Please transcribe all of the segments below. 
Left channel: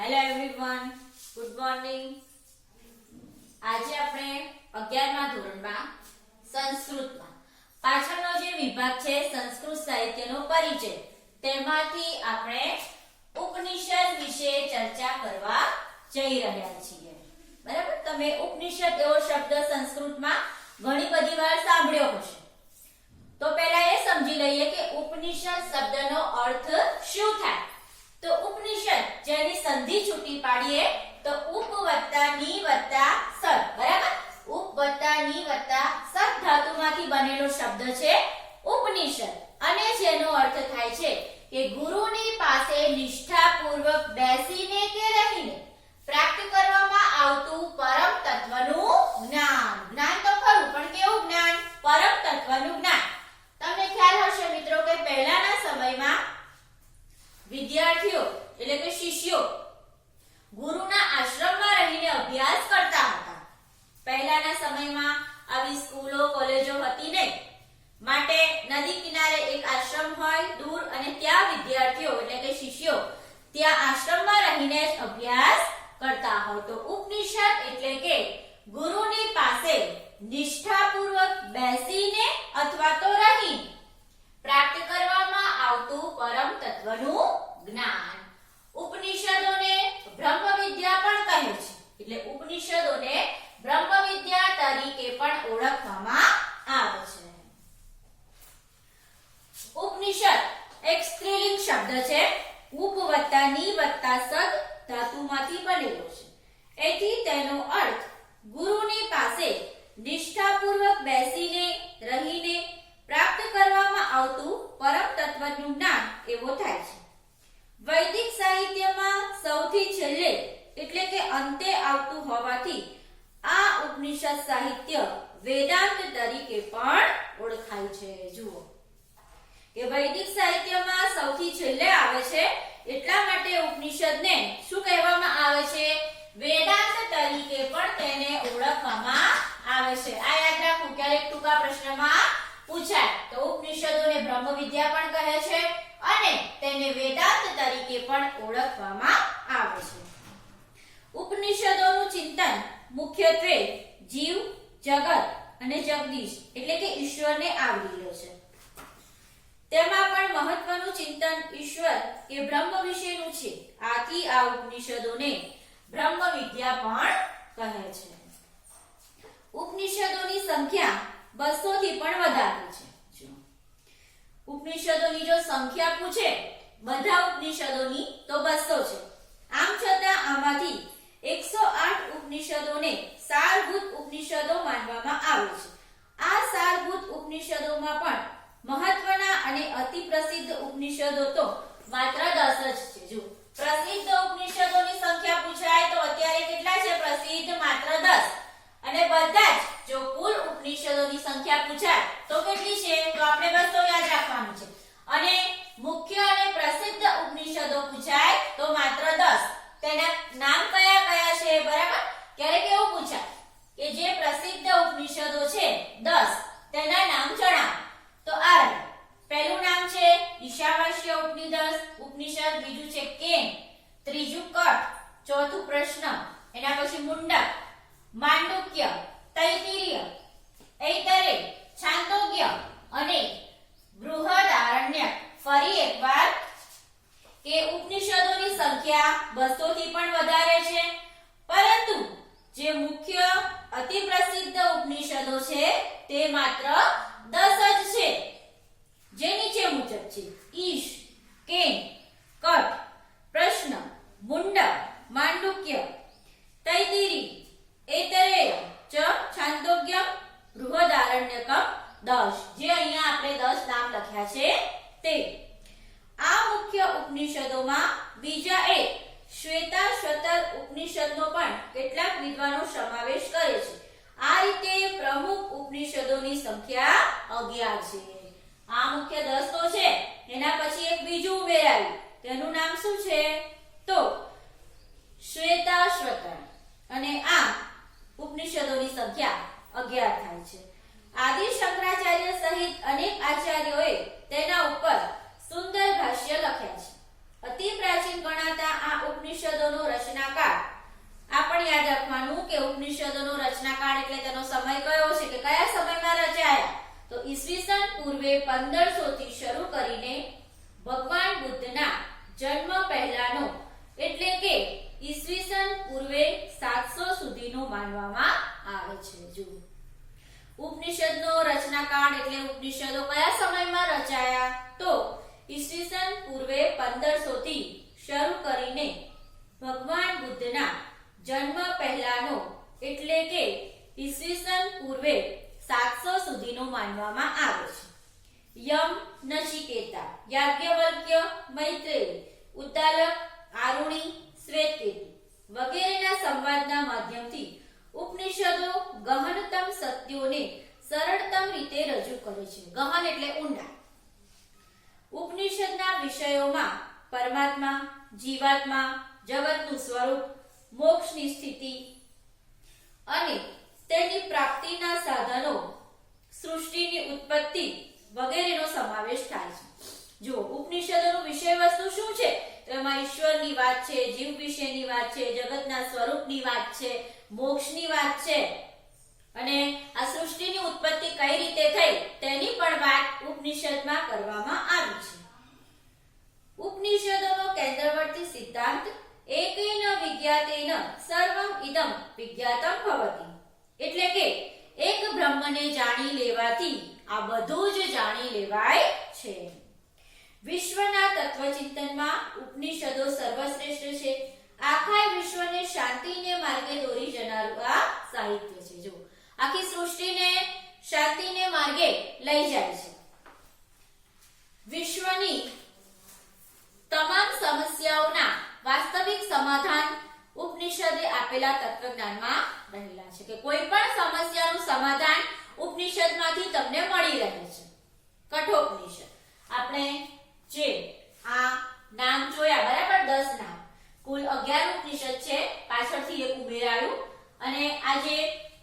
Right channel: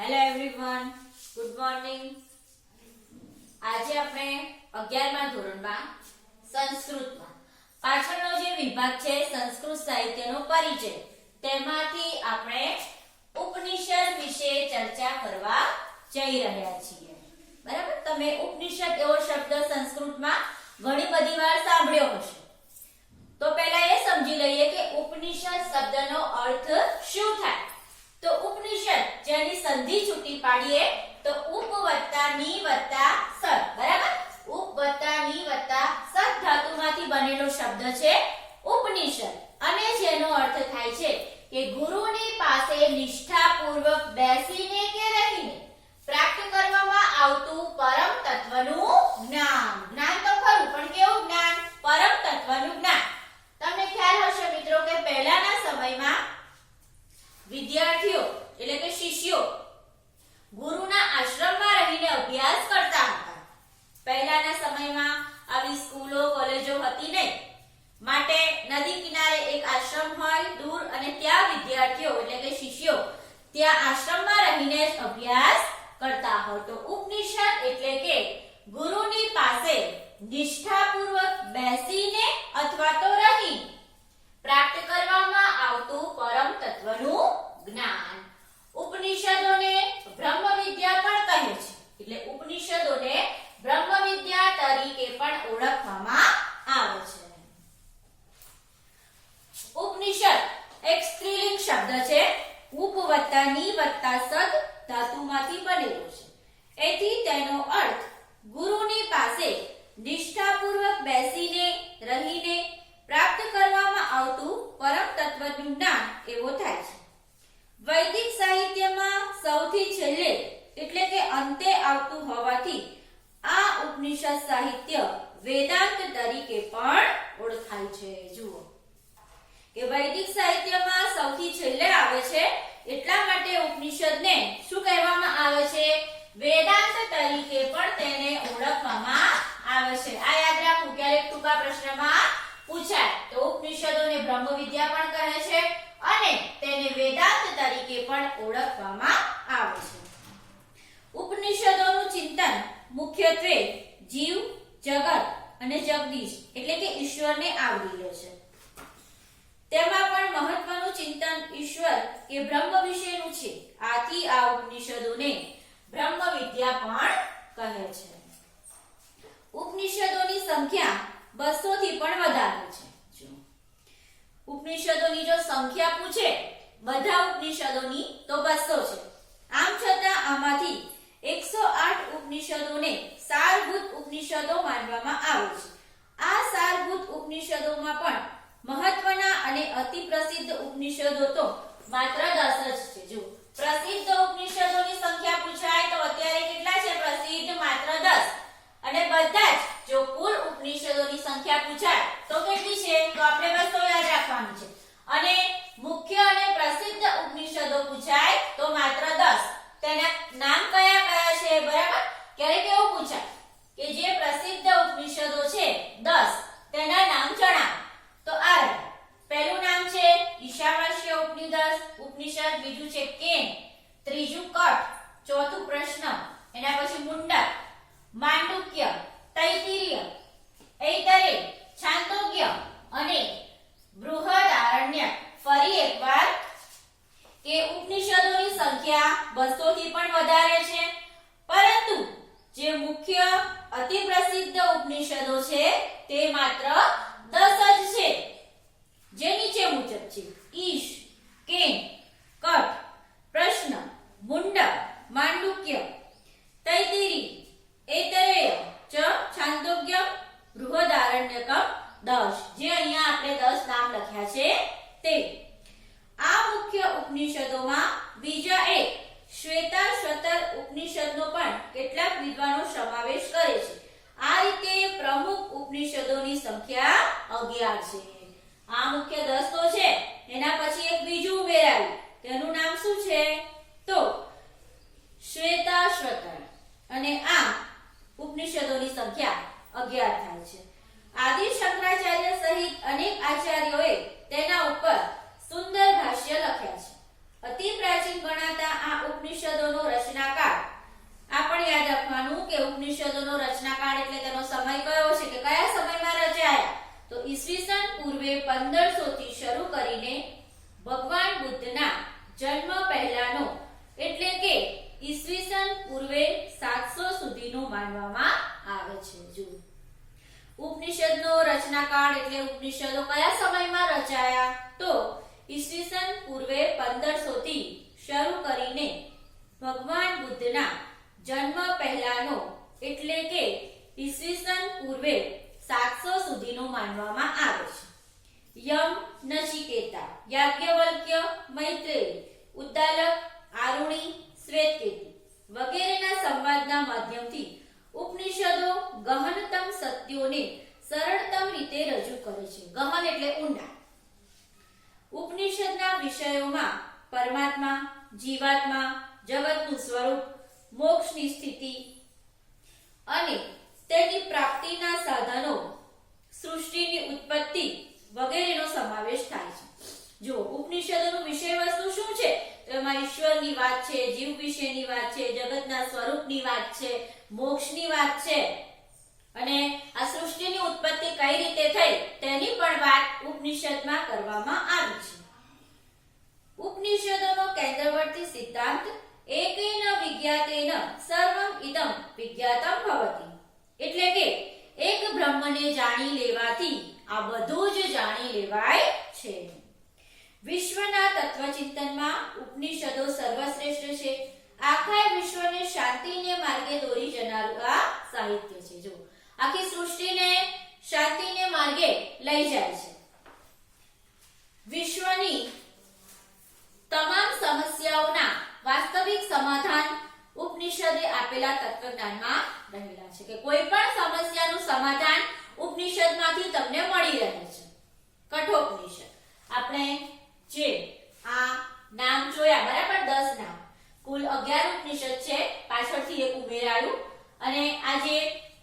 Hello everyone good morning આજે આપણે 11મા ધોરણમાં સંસ્કૃતમાં. પાછળનો જે વિભાગ છે, સંસ્કૃત સાહિત્યનો પરિચય. તેમાંથી આપણે ઉપનિષદ વિશે ચર્ચા કરવા જઈ રહ્યા છીએ. બરાબર? તમે ઉપનિષદ એવો શબ્દ સંસ્કૃતમાં ઘણી બધી વાર સાંભળ્યો હશે. તો પહેલા એ સમજી લઈએ કે ઉપનિષદ શબ્દનો અર્થ શું થાય? તો ઉપનિષદ જેની સંધિ છૂટી પાડીએ, તો ઉપ વત્તા ની વત્તા સદ, બરાબર? ઉપ વત્તા ની વત્તા સદ ધાતુમાંથી બનેલો શબ્દ છે ઉપનિષદ. અને જેનો અર્થ થાય છે કે ગુરુની પાસે નિષ્ઠાપૂર્વક બેસીને કે રહીને પ્રાપ્ત કરવામાં આવતું પરમ તત્વનું જ્ઞાન જ્ઞાન તો ખરું પણ કેવું જ્ઞાન પરમ તત્વનું જ્ઞાન તમને ખ્યાલ હશે મિત્રો કે પહેલાના સમયમાં વિદ્યાર્થીઓ એટલે કે શિષ્યો ગુરુના આશ્રમમાં રહીને અભ્યાસ કરતા હતા પહેલાના સમયમાં આવી સ્કૂલો કોલેજો હતી નહીં માટે નદી કિનારે એક આશ્રમ હોય દૂર ત્યાં વિદ્યાર્થીઓ એટલે કે શિષ્યો ત્યાં આશ્રમમાં રહીને અભ્યાસ કરતા હોય. ઉપનિષદ એટલે કે ગુરુની પાસે નિષ્ઠાપૂર્વક બેસીને અથવા તો રહી પ્રાપ્ત કરવામાં આવતું પરમ તત્વનું જ્ઞાન. ઉપનિષદોને બ્રહ્મ વિદ્યા પણ કહે છે. એટલે ઉપનિષદોને બ્રહ્મ વિદ્યા તરીકે પણ ઓળખવામાં આવે છે ઉપનિષદ એક સ્ત્રીલિંગ શબ્દ છે ઉપ વત્તા ની વત્તા સદ ધાતુમાંથી બનેલો છે એથી તેનો અર્થ ગુરુની પાસે નિષ્ઠાપૂર્વક બેસીને રહીને પ્રાપ્ત કરવામાં આવતું પરમ તત્વનું જ્ઞાન એવો થાય છે વૈદિક સાહિત્યમાં સૌથી છેલ્લે એટલે કે અંતે આવતું હોવાથી આ ઉપનિષદ સાહિત્ય વેદાંત તરીકે પણ ઓળખાય છે. જુઓ. કે વૈદિક સાહિત્યમાં સૌથી છેલ્લે આવે છે, એટલા માટે ઉપનિષદને શું કહેવામાં આવે છે? વેદાંત તરીકે પણ તેને ઓળખવામાં આવે છે. આ યાદ રાખવું ક્યારેક ટૂંકા પ્રશ્નમાં પૂછાય, તો ઉપનિષદોને બ્રહ્મ વિદ્યા પણ કહે છે અને તેને વેદાંત તરીકે પણ ઓળખવામાં ઉપનિષદોનું ચિંતન મુખ્યત્વે જીવ, જગત અને જગદીશ એટલે કે ઈશ્વરને આવરી લે છે. તેમાં પણ મહત્વનું ચિંતન ઈશ્વર કે બ્રહ્મ વિશેનું છે. આથી આ ઉપનિષદોને બ્રહ્મ વિદ્યા પણ કહે છે. ઉપનિષદોની સંખ્યા બસો થી પણ વધારે છે. ઉપનિષદોની જો સંખ્યા પૂછે, બધા ઉપનિષદોની તો બસો છે. આમ છતાં આમાંથી 108 ઉપનિષદોને સારભૂત ઉપનિષદો માનવામાં આવે છે. આ સારભૂત ઉપનિષદોમાં પણ મહત્વના અને અતિ પ્રસિદ્ધ ઉપનિષદો તો માત્ર 10 જ છે. જો પ્રસિદ્ધ ઉપનિષદોની સંખ્યા પૂછાય તો અત્યારે કેટલા છે પ્રસિદ્ધ માત્ર 10 અને બધા જ જો કુલ ઉપનિષદોની સંખ્યા પૂછાય તો કેટલી છે તો આપણે બસ તો યાદ રાખવાનું છે અને મુખ્ય અને પ્રસિદ્ધ ઉપનિષદો પૂછાય તો માત્ર 10 તેના નામ કયા કયા છે બરાબર ક્યારેક એવું પૂછાય કે જે પ્રસિદ્ધ ઉપનિષદો છે 10 તેના નામ જણાવો તો આ રહ્યા. પહેલું નામ છે ઈશાવાસ્ય ઉપનિષદ, બીજું છે કેન ત્રીજું કઠ, ચોથું પ્રશ્ન, એના પછી મુંડક, માંડુક્ય, તૈતિરીય, ઐતરે, છાંદોગ્ય અને બૃહદારણ્ય. ફરી એકવાર કે ઉપનિષદોની સંખ્યા 200 થી પણ વધારે છે. પરંતુ જે મુખ્ય અતિ પ્રસિદ્ધ ઉપનિષદો છે, તે માત્ર 10 જ છે. જે નીચે મુજબ છે, ઈશ કેન કઠ, પ્રશ્ન મુંડા માંડુક્ય તૈતિરી એતરેય, ચ, છાંદોગ્ય બૃહદારણ્યકમ 10 જે અહીંયા આપણે દસ નામ લખ્યા છે તે. આ મુખ્ય ઉપનિષદોમાં બીજા એક શ્વેતા શતર ઉપનિષદનો પણ કેટલાક વિદ્વાનો સમાવેશ કરે છે. આ રીતે પ્રમુખ ઉપનિષદોની સંખ્યા 11 છે. આ મુખ્ય દસ્તો છે. એના પછી એક બીજું ઉમેરાયું. તેનું નામ શું છે? તો શ્વેતાશ્વતણ અને આમ ઉપનિષદોની સંખ્યા અગિયાર થાય છે. આદિ શંકરાચાર્ય સહિત અનેક આચાર્યોએ તેના ઉપર સુંદર ભાષ્ય લખ્યા છે. અતિ પ્રાચીન ગણાતા આ ઉપનિષદોનો રચનાકાર આ યાદ રાખવાનું કે ઉપનિષદોનો રચનાકાળ એટલે તેનો સમય કયો છે કે કયા સમયમાં રચાયા? તો ઈસવીસન શરૂ કરીને ભગવાન બુદ્ધના જન્મ પહેલાનો એટલે કે ઈસવીસન પૂર્વે સાતસો સુધીનો માનવામાં આવે છે. જુઓ. ઉપનિષદનો રચનાકાળ એટલે ઉપનિષદો કયા સમયમાં રચાયા? તો ઈસવીસન પૂર્વે પંદરસો થી શરૂ કરીને ભગવાન બુદ્ધના જન્મ પહેલાનો એટલે કે ઈસવીસન પૂર્વે સાતસો સુધીનો માનવામાં આવે છે. યમ નચિકેતા, યાજ્ઞવલ્ક્ય મૈત્રેય ઉદ્દાલક આરુણી શ્વેતકેતુ વગેરેના સંવાદના માધ્યમથી ઉપનિષદો ગહનતમ સત્યોને સરળતમ રીતે રજૂ કરે છે. ગહન એટલે ઊંડા ઉપનિષદના વિષયોમાં પરમાત્મા, જીવાત્મા, જગતનું સ્વરૂપ, મોક્ષની સ્થિતિ અને તેની પ્રાપ્તિના સાધનો સૃષ્ટિની ઉત્પત્તિ વગેરેનો સમાવેશ થાય છે. જો ઉપનિષદોનું વિષય વસ્તુ શું છે? તો એમાં ઈશ્વરની વાત છે, જીવ વિશેની વાત છે, જગતના સ્વરૂપની વાત છે, મોક્ષની વાત છે. અને આ સૃષ્ટિની ઉત્પત્તિ કઈ રીતે થઈ તેની પણ વાત ઉપનિષદમાં કરવામાં આવી છે. ઉપનિષદોનો કેન્દ્રવર્તી સિદ્ધાંત, એકેન વિજ્ઞાતેન સર્વમ ઇદમ વિજ્ઞાતમ ભવતી. એટલે કે એક બ્રહ્મને જાણી લેવાથી આ બધું લેવાય છે. વિશ્વના તત્વચિંતનમાં ઉપનિષદો સર્વશ્રેષ્ઠ છે. આખા વિશ્વને શાંતિને માર્ગે દોરી જનારું આ સાહિત્ય છે. જો આખી સૃષ્ટિને શાંતિને માર્ગે લઈ જાય છે. વિશ્વની તમામ સમસ્યાઓના વાસ્તવિક સમાધાન ઉપનિષદે આપેલા તત્વજ્ઞાનમાં રહેલા છે કે કોઈ પણ સમસ્યાનું સમાધાન ઉપનિષદમાંથી તમને મળી રહે છે. કઠોપનિષદ. આપણે જે આ નામ જોયા, બરાબર દસ નામ. કુલ 11 ઉપનિષદ છે, પાછળથી એક ઉમેરાયું અને આ જે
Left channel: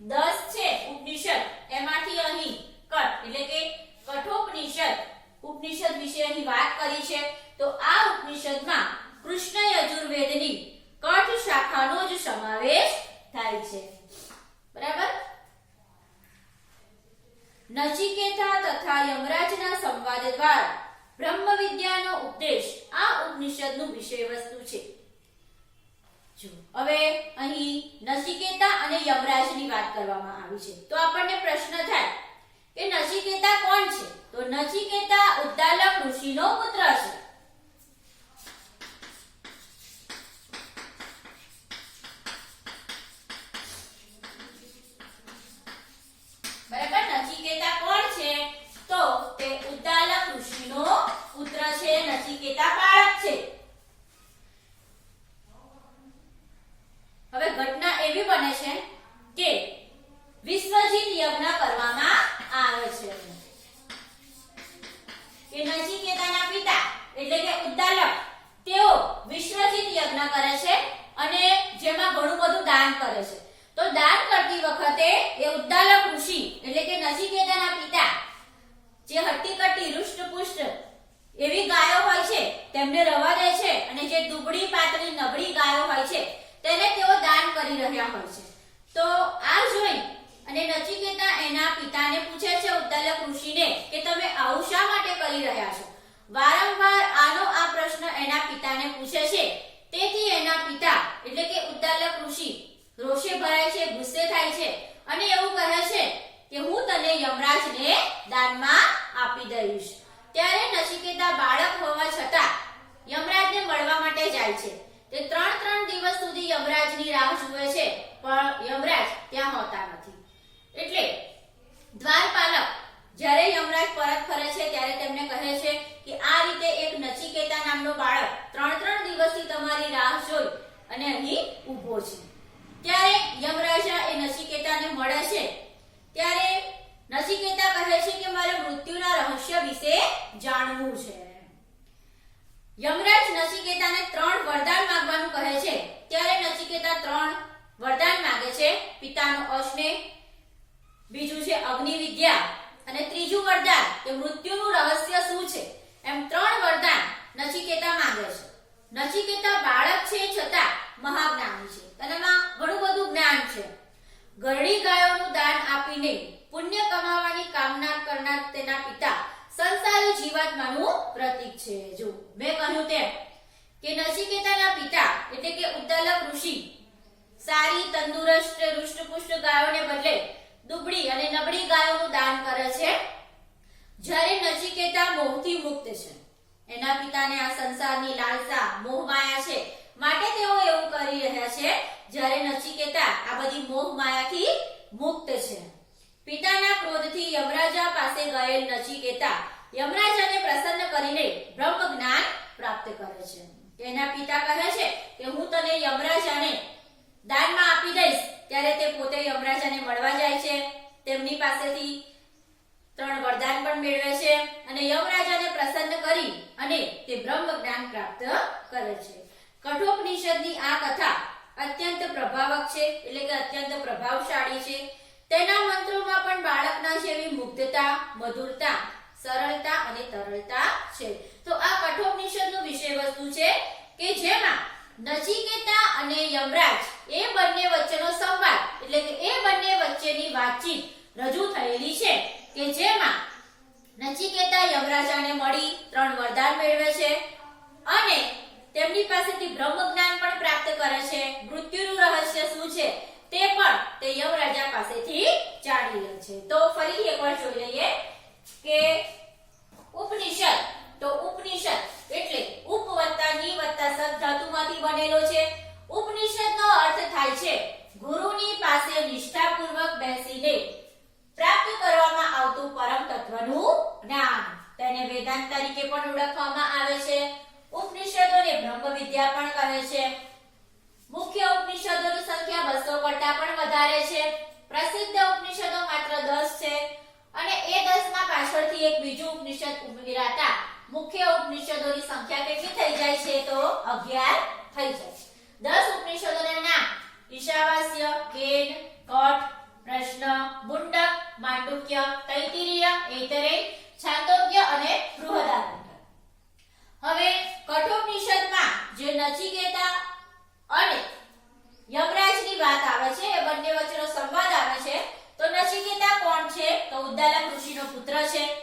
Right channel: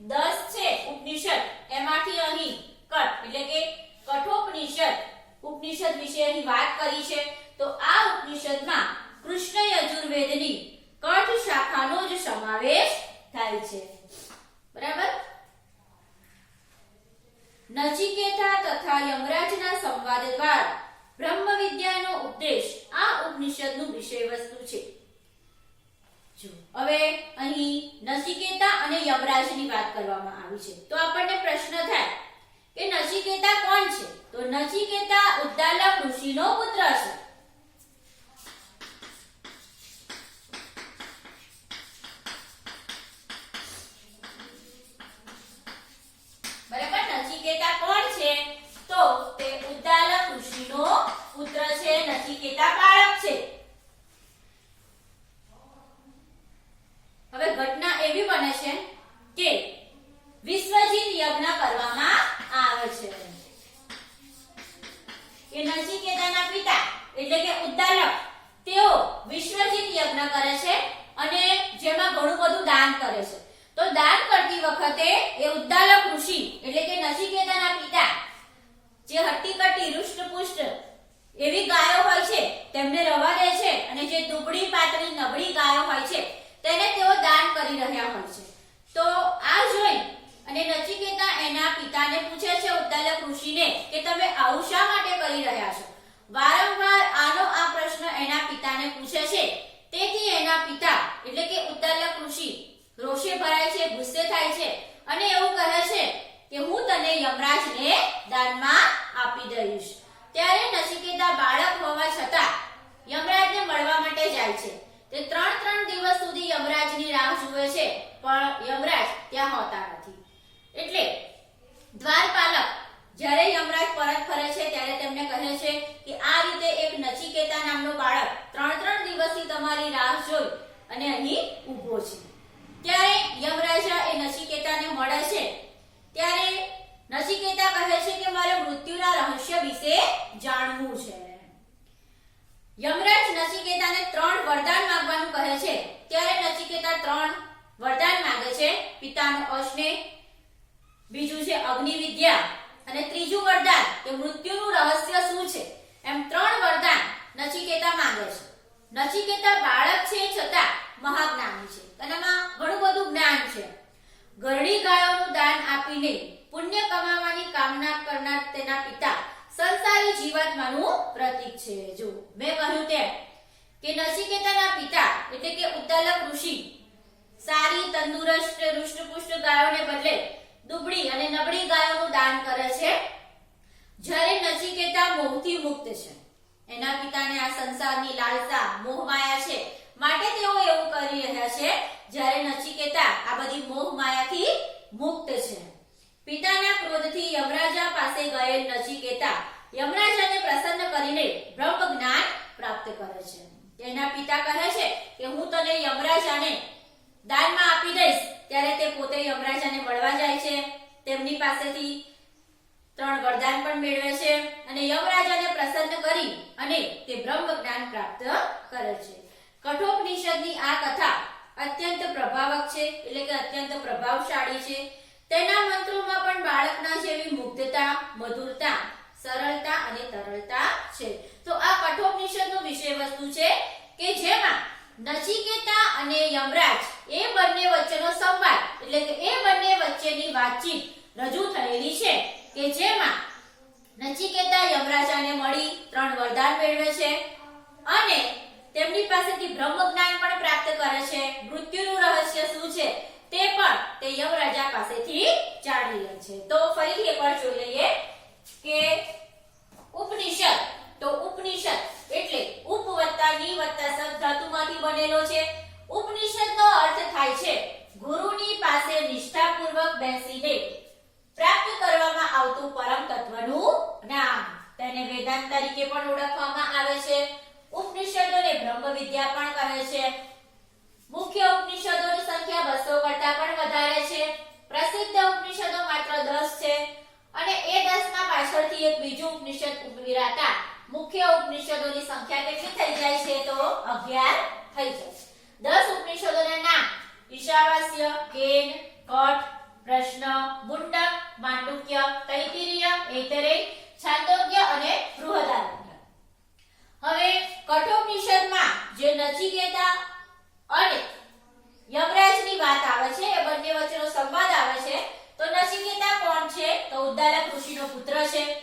દસ છે ઉપનિષદ, એમાંથી અહીં કટ, એટલે કે કઠોપનિષદ, ઉપનિષદ વિશે અહીં વાત કરી છે, તો આ ઉપનિષદમાં કૃષ્ણ યજુર્વેદની કઠ શાખાનો જ સમાવેશ થાય છે. બરાબર? નચિકેતા તથા યમરાજના સંવાદ દ્વારા. બ્રહ્મ વિદ્યાનો ઉપદેશ. આ ઉપનિષદનું વિષય વસ્તુ છે. હવે અહીં નચિકેતા અને યમરાજની વાત કરવામાં આવી છે. તો આપણને પ્રશ્ન થાય કે નચિકેતા કોણ છે? તો નચિકેતા ઉદ્દાલક ઋષિનો પુત્ર છે બરાબર નચિકેતા કોણ છે? તો તે ઉદ્દાલક ઋષિનો પુત્ર છે નચિકેતા બાળક છે. હવે ઘટના એવી બને છે કે વિશ્વજીત યજ્ઞ કરવામાં આવે છે કે નચિકેતાના પિતા એટલે કે ઉદ્દાલક તેઓ વિશ્વજીત યજ્ઞ કરે છે અને જેમાં ઘણું બધું દાન કરે છે તો દાન કરતી વખતે એ ઉદ્દાલક ઋષિ એટલે કે નચિકેતાના પિતા જે હટ્ટી કટ્ટી હૃષ્ટપુષ્ટ એવી ગાયો હોય છે તેમને રવા દે છે અને જે દુબળી પાતળી નબળી ગાયો હોય છે, તેને તેઓ દાન કરી રહ્યા હોય છે. તો આ જોઈ અને નચિકેતા એના પિતાને પૂછે છે ઉદ્દાલક ઋષિને, કે તમે આવું શા માટે કરી રહ્યા છો? વારંવાર આનો આ પ્રશ્ન એના પિતાને પૂછે છે. તેથી એના પિતા, એટલે કે ઉદ્દાલક ઋષિ, રોષે ભરાય છે, ગુસ્સે થાય છે અને એવું કહે છે કે, હું તને યમરાજને દાનમાં આપી દઈશ. ત્યારે નચિકેતા બાળક હોવા છતાં યમરાજને મળવા માટે જાય છે. તે ત્રણ ત્રણ દિવસ સુધી યમરાજની રાહ જુએ છે, પણ યમરાજ ત્યાં હોતા નથી. એટલે દ્વારપાલક જ્યારે યમરાજ પરત ફરે છે, ત્યારે તેમને કહે છે કે આ રીતે એક નચિકેતા નામનો બાળક ત્રણ ત્રણ દિવસથી તમારી રાહ જોઈ અને અહીં ઊભો છે. ત્યારે યમરાજા એ નચિકેતાને મળે છે. ત્યારે નચિકેતા કહે છે કે મારે મૃત્યુના રહસ્ય વિશે જાણવું છે. યમરાજ નચિકેતાને ત્રણ વરદાન માંગવાનું કહે છે. ત્યારે નચિકેતા ત્રણ વરદાન માંગે છે. પિતાનો અસ્નેહ બીજું છે અગ્નિ વિદ્યા અને ત્રીજું વરદાન કે મૃત્યુનું રહસ્ય શું છે? એમ ત્રણ વરદાન નચિકેતા માંગે છે. નચિકેતા બાળક છે છતાં મહાજ્ઞાની છે. તેનામાં ઘણું બધું જ્ઞાન છે. ઘરડી ગાયોનું દાન આપીને પુણ્ય કમાવાની કામના કરનાર તેના પિતા સંસારી જીવાત્માનું પ્રતીક છે. જો મેં કહ્યું તેમ કે નસિકેતાના પિતા એટલે કે ઉદ્દાલક ઋષિ સારી, તંદુરસ્ત, હૃષ્ટપુષ્ટ ગાયોને બદલે દુબળી અને નબળી ગાયોનું દાન કરે છે. જ્યારે નસિકેતા મોહથી મુક્ત છે. એના પિતાને આ સંસારની લાલસા, મોહ માયા છે. માટે તેઓ એવું કરી રહ્યા છે, જ્યારે નચિકેતા આ બધી મોહ માયાથી મુક્ત છે. પિતાના ક્રોધથી યમરાજા પાસે ગયેલ નચિકેતા યમરાજાને પ્રસન્ન કરીને બ્રહ્મ જ્ઞાન પ્રાપ્ત કરે છે. તેના પિતા કહે છે કે હું તને યમરાજાને દાનમાં આપી દઈશ, ત્યારે તે પોતે યમરાજાને મળવા જાય છે. તેમની પાસેથી ત્રણ વરદાન પણ મેળવે છે અને યમરાજાને પ્રસન્ન કરી અને તે બ્રહ્મ જ્ઞાન પ્રાપ્ત કરે છે. કઠોપનિષદની આ કથા અત્યંત પ્રભાવક છે, એટલે કે અત્યંત પ્રભાવશાળી છે. તેના મંત્રોમાં પણ બાળકના જેવી મુગ્ધતા, મધુરતા, સરળતા અને તરળતા છે. તો આ કઠોપનિષદનું વિષય વસ્તુ છે કે જેમાં નચિકેતા અને યમરાજ એ બંને વચ્ચેનો સંવાદ, એટલે કે એ બંને વચ્ચેની વાતચીત રજૂ થયેલી છે કે જેમાં નચિકેતા યમરાજાને મળી ત્રણ વરદાન મેળવે છે અને તેમની પાસેથી બ્રહ્મ જ્ઞાન પણ પ્રાપ્ત કરે છે. મૃત્યુનું રહસ્ય શું છે? તે પણ તે યમરાજા પાસેથી જાણી લે છે. તો ફરીથી એકવાર જોઈ લઈએ કે ઉપનિષદ તો ઉપનિષદ એટલે ઉપ વત્તા ની વત્તા સદ ધાતુમાંથી બનેલો છે ઉપનિષદનો અર્થ થાય છે ગુરુની પાસે નિષ્ઠાપૂર્વક બેસીને પ્રાપ્ત કરવામાં આવતું પરમ તત્વનું જ્ઞાન તેને વેદાંત તરીકે પણ ઓળખવામાં આવે છે ઉપનિષદોને બ્રહ્મ વિદ્યા પણ કહે છે મુખ્ય ઉપનિષદોની સંખ્યા બસો કરતા પણ વધારે છે પ્રસિદ્ધ ઉપનિષદો માત્ર દસ છે અને એ દસમાં પાછળથી એક બીજું ઉપનિષદ ઉમેરાતા મુખ્ય ઉપનિષદોની સંખ્યા કેટલી થઈ જાય છે તો અગિયાર થઈ જાય છે. દસ ઉપનિષદોના નામ ઈશાવાસ્ય, કેન કઠ પ્રશ્ન, મુંડક, માંડુક્ય, તૈતિરીય, એતરે, છાંદોગ્ય અને બૃહદારણ્ય. હવે કઠોપનિષદમાં જે નચિકેતા અને યમરાજની વાત આવે છે એ બંને વચ્ચેનો સંવાદ આવે છે તો નચિકેતા કોણ ઉદ્દાલક ઋષિનો પુત્ર છે.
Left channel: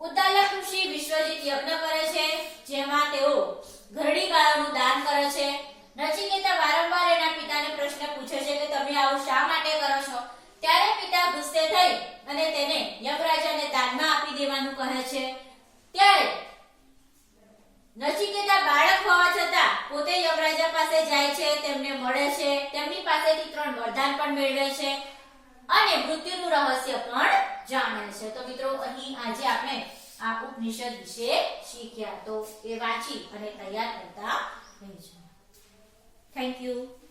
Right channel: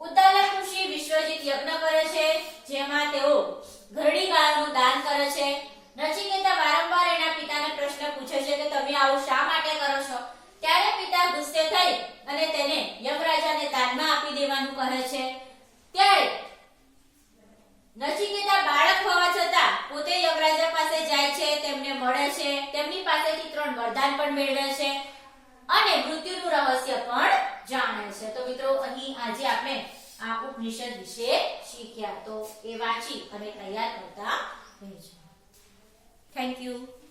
ઉદ્દાલક ઋષિ વિશ્વજીત યજ્ઞ કરે છે, જેમાં તેઓ ઘરડી ગાયોનું દાન કરે છે. નચિકેતા વારંવાર એના પિતાને પ્રશ્ન પૂછે છે કે તમે આવું શા માટે કરો છો? ત્યારે પિતા ગુસ્સે થઈ અને તેને યમરાજાને દાનમાં આપી દેવાનું કહે છે. ત્યારે નચિકેતા બાળક હોવા છતાં પોતે યમરાજા પાસે જાય છે, તેમને મળે છે. તેમની પાસેથી ત્રણ વરદાન પણ મેળવે છે. અને મૃત્યુનું રહસ્ય પણ જાણે છે. તો મિત્રો, અહીં આજે આપણે આ ઉપનિષદ વિશે શીખ્યા. તો એ વાંચી અને તૈયાર કરતા રહેજો. Thank you